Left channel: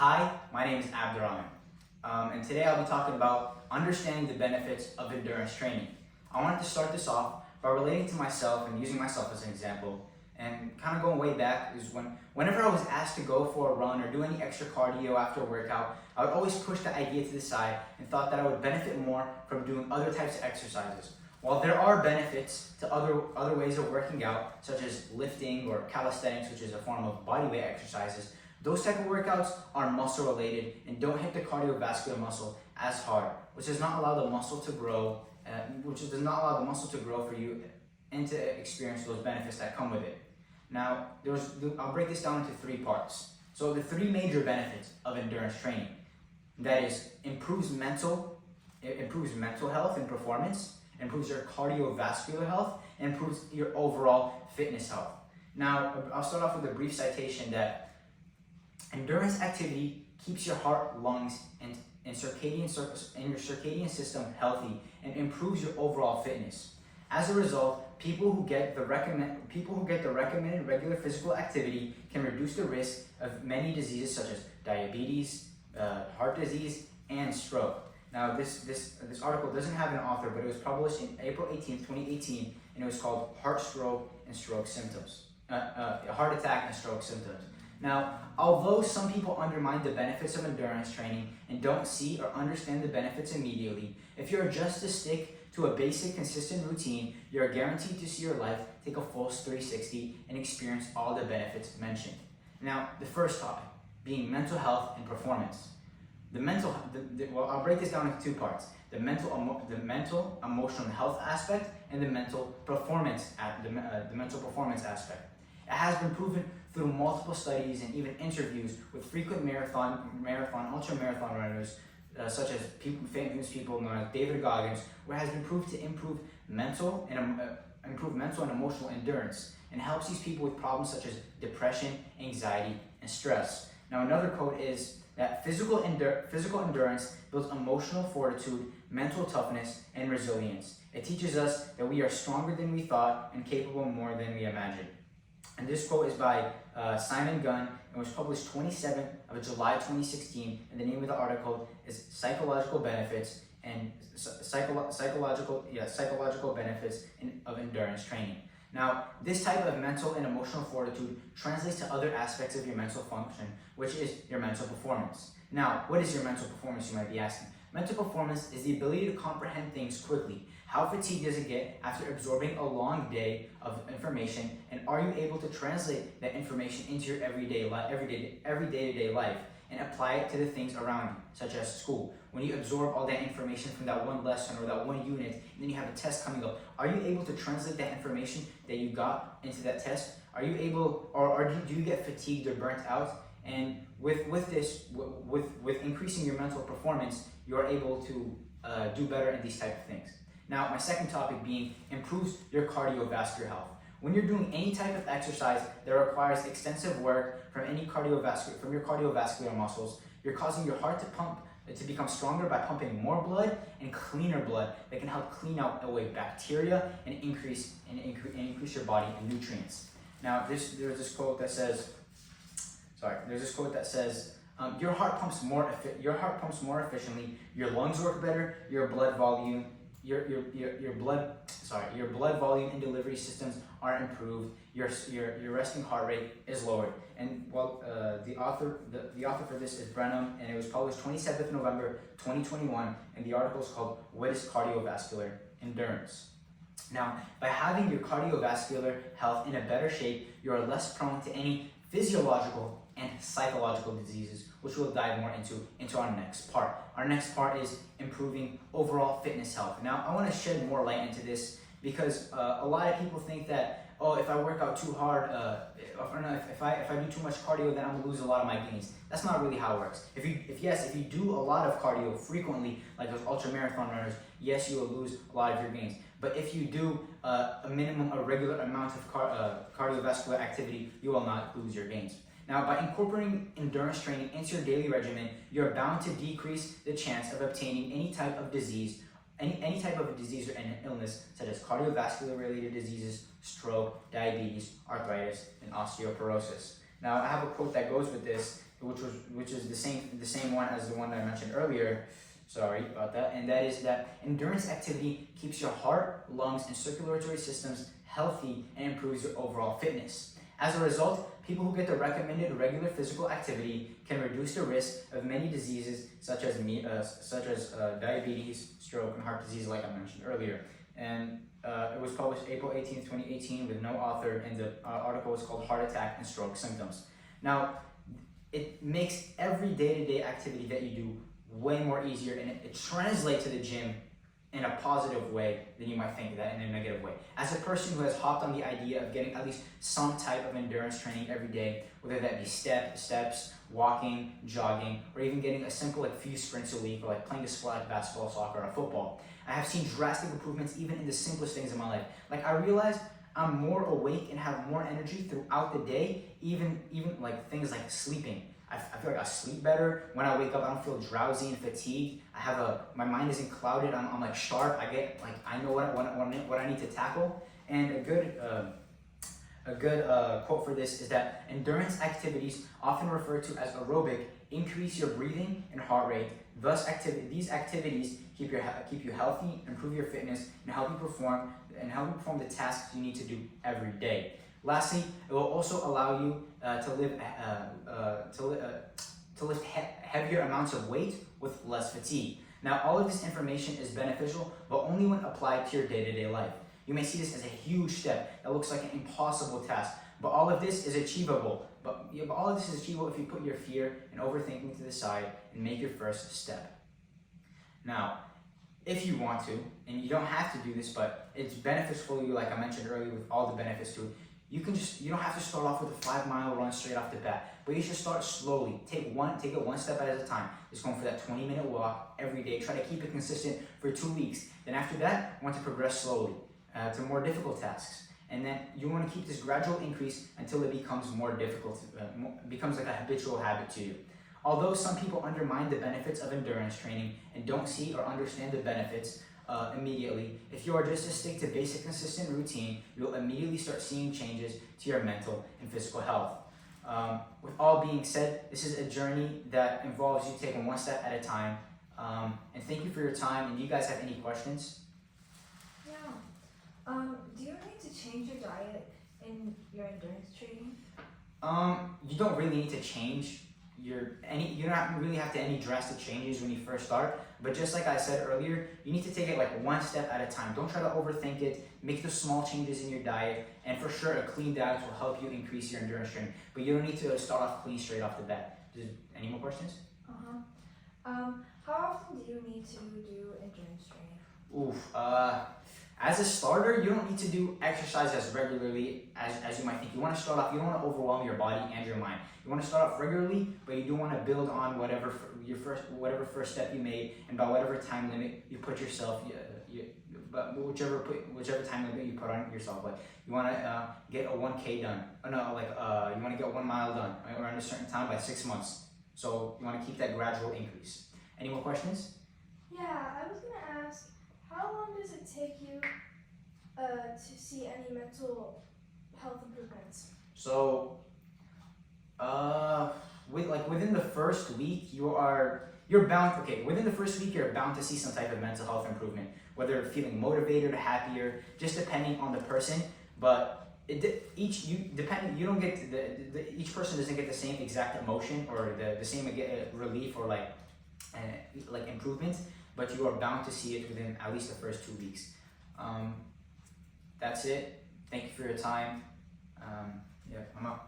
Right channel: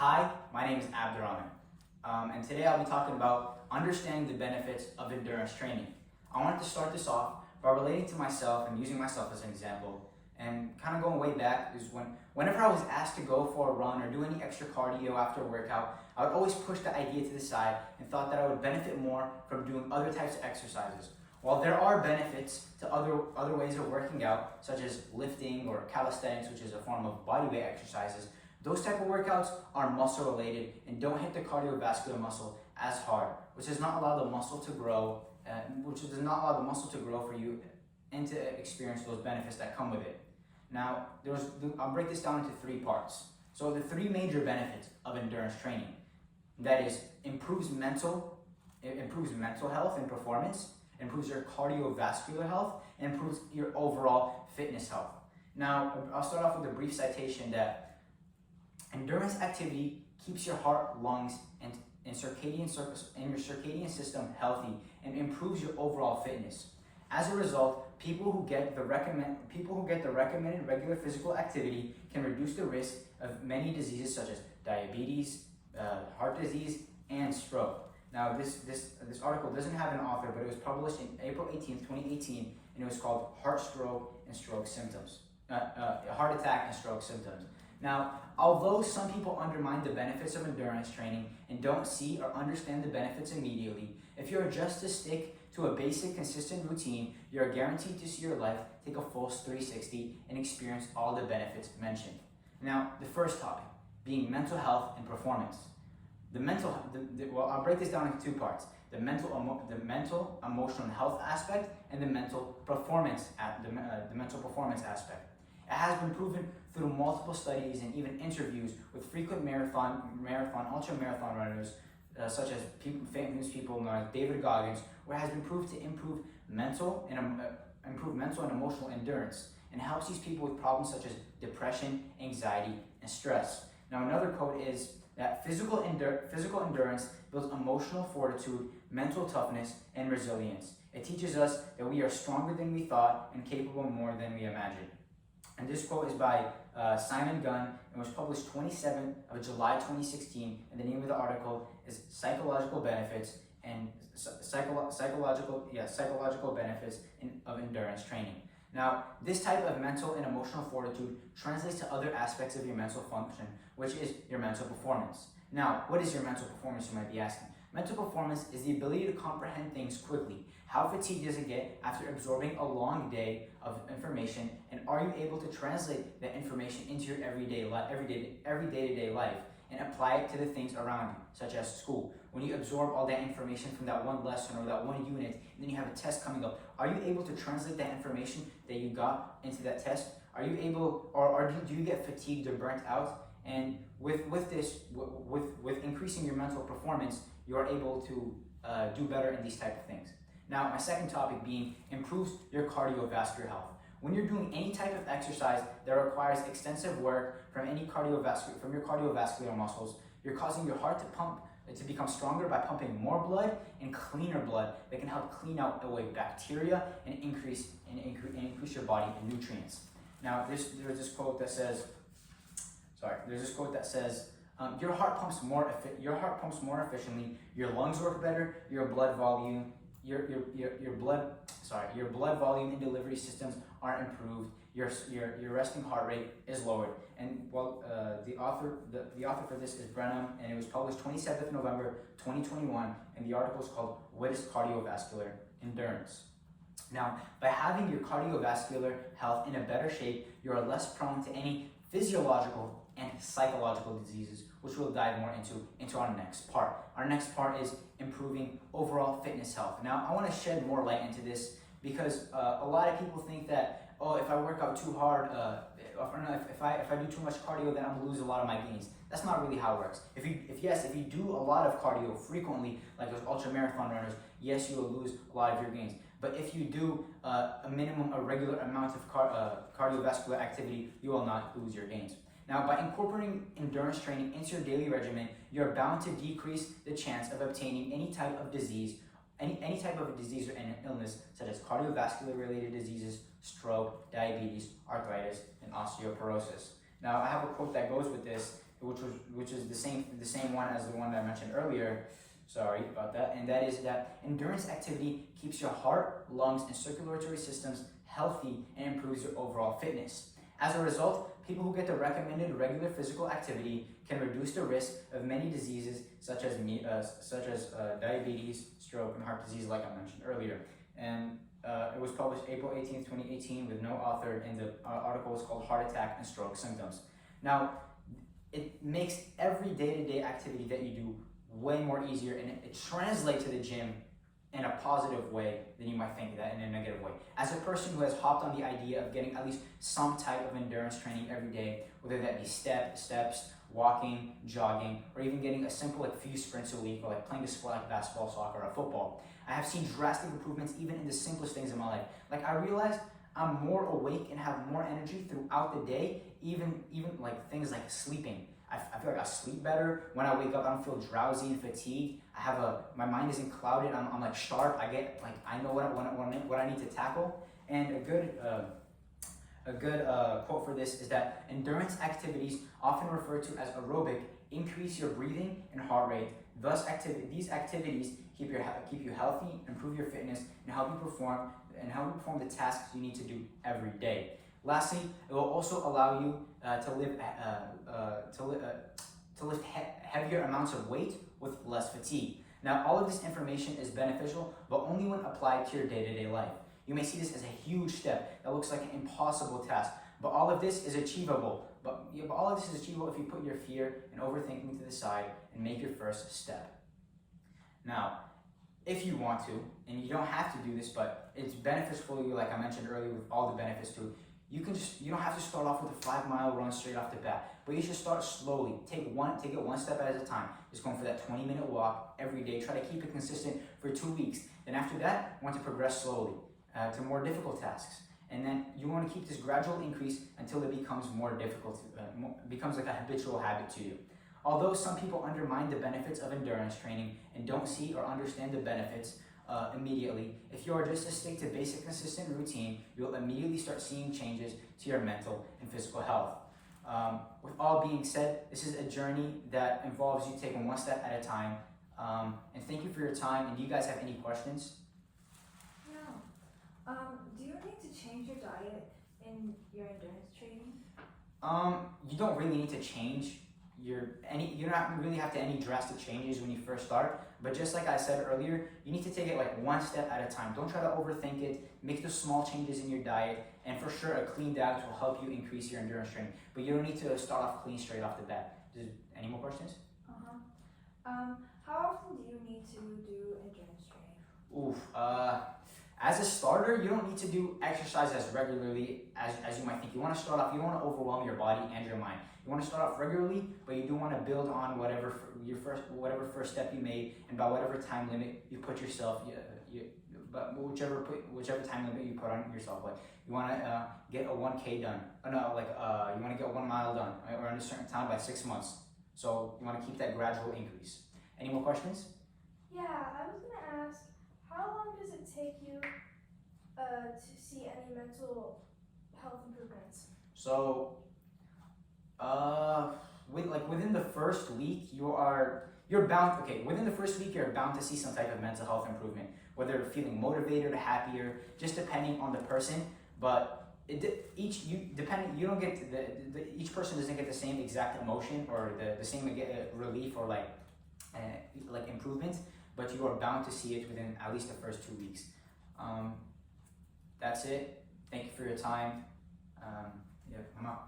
Hi, my name is Abdurrahman, and today I'll be talking about understanding the benefits of endurance training. I wanted to start this off by relating to myself and using myself as an example, and kind of going way back is whenever I was asked to go for a run or do any extra cardio after a workout, I would always push the idea to the side and thought that I would benefit more from doing other types of exercises. While there are benefits to other ways of working out, such as lifting or calisthenics, which is a form of bodyweight exercises, those type of workouts are muscle related and don't hit the cardiovascular muscle as hard, which does not allow the muscle to grow, for you and to experience those benefits that come with it. Now, I'll break this down into three parts. So the three major benefits of endurance training, that is, improves mental health and performance, improves your cardiovascular health, and improves your overall fitness health. Now, I'll start off with a brief citation that endurance activity keeps your heart, lungs, and your circadian system healthy and improves your overall fitness. As a result, people who get the recommended regular physical activity can reduce the risk of many diseases such as diabetes, heart disease, and stroke. Now, this article doesn't have an author, but it was published in April 18th, 2018, and it was called Heart Attack and Stroke Symptoms. Now, although some people undermine the benefits of endurance training and don't see or understand the benefits immediately, if you're just to stick to a basic, consistent routine, you're guaranteed to see your life take a full 360 and experience all the benefits mentioned. Now, the first topic, being mental health and performance. I'll break this down into two parts: the mental emotional health aspect and the mental performance aspect. It has been proven through multiple studies and even interviews with frequent marathon, ultra-marathon runners, such as famous people known as David Goggins, where it has been proved to improve mental and emotional endurance, and helps these people with problems such as depression, anxiety, and stress. Now, another quote is that physical endurance builds emotional fortitude, mental toughness, and resilience. It teaches us that we are stronger than we thought and capable more than we imagined. And this quote is by Simon Gunn and was published 27th of July 2016. And the name of the article is Psychological Benefits of Endurance Training. Now, this type of mental and emotional fortitude translates to other aspects of your mental function, which is your mental performance. Now, what is your mental performance, you might be asking? Mental performance is the ability to comprehend things quickly. How fatigued does it get after absorbing a long day of information, and are you able to translate that information into your everyday day-to-day life and apply it to the things around you, such as school? When you absorb all that information from that one lesson or that one unit, and then you have a test coming up, are you able to translate that information that you got into that test? Are you able, or do you get fatigued or burnt out? And with increasing your mental performance, you are able to do better in these type of things. Now, my second topic being improves your cardiovascular health. When you're doing any type of exercise that requires extensive work from your cardiovascular muscles, you're causing your heart to become stronger by pumping more blood and cleaner blood that can help clean out away bacteria and increase your body in nutrients. Now, there's this quote that says, your heart pumps more efficiently, your lungs work better, your blood volume and delivery systems are improved, your resting heart rate is lowered. And the author for this is Brenham, and it was published 27th November 2021, and the article is called What is Cardiovascular Endurance? Now, by having your cardiovascular health in a better shape, you are less prone to any physiological and psychological diseases, which we'll dive more into our next part. Our next part is improving overall fitness health. Now, I want to shed more light into this because a lot of people think that, if I work out too hard, if I do too much cardio, then I'm gonna lose a lot of my gains. That's not really how it works. If you do a lot of cardio frequently, like those ultra marathon runners, yes, you will lose a lot of your gains. But if you do a regular amount of cardiovascular activity, you will not lose your gains. Now, by incorporating endurance training into your daily regimen, you're bound to decrease the chance of obtaining any type of disease or an illness, such as cardiovascular related diseases, stroke, diabetes, arthritis, and osteoporosis. Now I have a quote that goes with this, which is the same one as the one that I mentioned earlier. Sorry about that. And that is that endurance activity keeps your heart, lungs, and circulatory systems healthy and improves your overall fitness. As a result, people who get the recommended regular physical activity can reduce the risk of many diseases such as diabetes, stroke, and heart disease, like I mentioned earlier. And it was published April 18th, 2018, with no author, and the article was called Heart Attack and Stroke Symptoms. Now, it makes every day-to-day activity that you do way more easier, and it translates to the gym in a positive way than you might think that in a negative way. As a person who has hopped on the idea of getting at least some type of endurance training every day, whether that be steps, walking, jogging, or even getting a simple few sprints a week, or playing a sport like basketball, soccer, or football, I have seen drastic improvements even in the simplest things in my life. I realized I'm more awake and have more energy throughout the day, even things like sleeping. I feel like I sleep better. When I wake up, I don't feel drowsy and fatigued. My mind isn't clouded. I'm sharp. I know what I need to tackle. And a good quote for this is that endurance activities, often referred to as aerobic, increase your breathing and heart rate. Thus, these activities keep you healthy, improve your fitness, and help you perform the tasks you need to do every day. Lastly, it will also allow you to lift heavier amounts of weight with less fatigue. Now, all of this information is beneficial, but only when applied to your day-to-day life. You may see this as a huge step that looks like an impossible task, but all of this is achievable. But all of this is achievable if you put your fear and overthinking to the side and make your first step. Now, if you want to, and you don't have to do this, but it's beneficial for you, like I mentioned earlier, with all the benefits to it, you don't have to start off with a 5-mile run straight off the bat, but you should start slowly. Take it one step at a time. Just going for that 20-minute walk every day. Try to keep it consistent for 2 weeks. Then after that, you want to progress slowly to more difficult tasks. And then you want to keep this gradual increase until it becomes more difficult, becomes like a habitual habit to you. Although some people undermine the benefits of endurance training and don't see or understand the benefits immediately, if you are just to stick to basic consistent routine, you'll immediately start seeing changes to your mental and physical health. With all being said, this is a journey that involves you taking one step at a time. And thank you for your time. And do you guys have any questions? Yeah. Do you need to change your diet in your endurance training? You don't really need to change you don't really have to any drastic changes when you first start, but just like I said earlier, you need to take it one step at a time. Don't try to overthink it. Make the small changes in your diet, and for sure a clean diet will help you increase your endurance training, but you don't need to start off clean straight off the bat. Any more questions? How often do you need to do endurance training? As a starter, you don't need to do exercise as regularly as you might think. You want to start off, you don't want to overwhelm your body and your mind. You want to start off regularly, but you do want to build on whatever first step you made, and by whatever time limit you put yourself, but whichever time limit you put on yourself. You want to get a 1K done. You want to get 1 mile done, right? Or in a certain time by 6 months. So you want to keep that gradual increase. Any more questions? Yeah, I was gonna ask, how long does it take you to see any mental health improvements? So, within the first week, you're bound. Okay, within the first week, you're bound to see some type of mental health improvement, whether feeling motivated or happier, just depending on the person. But each person doesn't get the same exact emotion or the same relief or improvement, but you are bound to see it within at least the first 2 weeks. That's it. Thank you for your time. I'm out.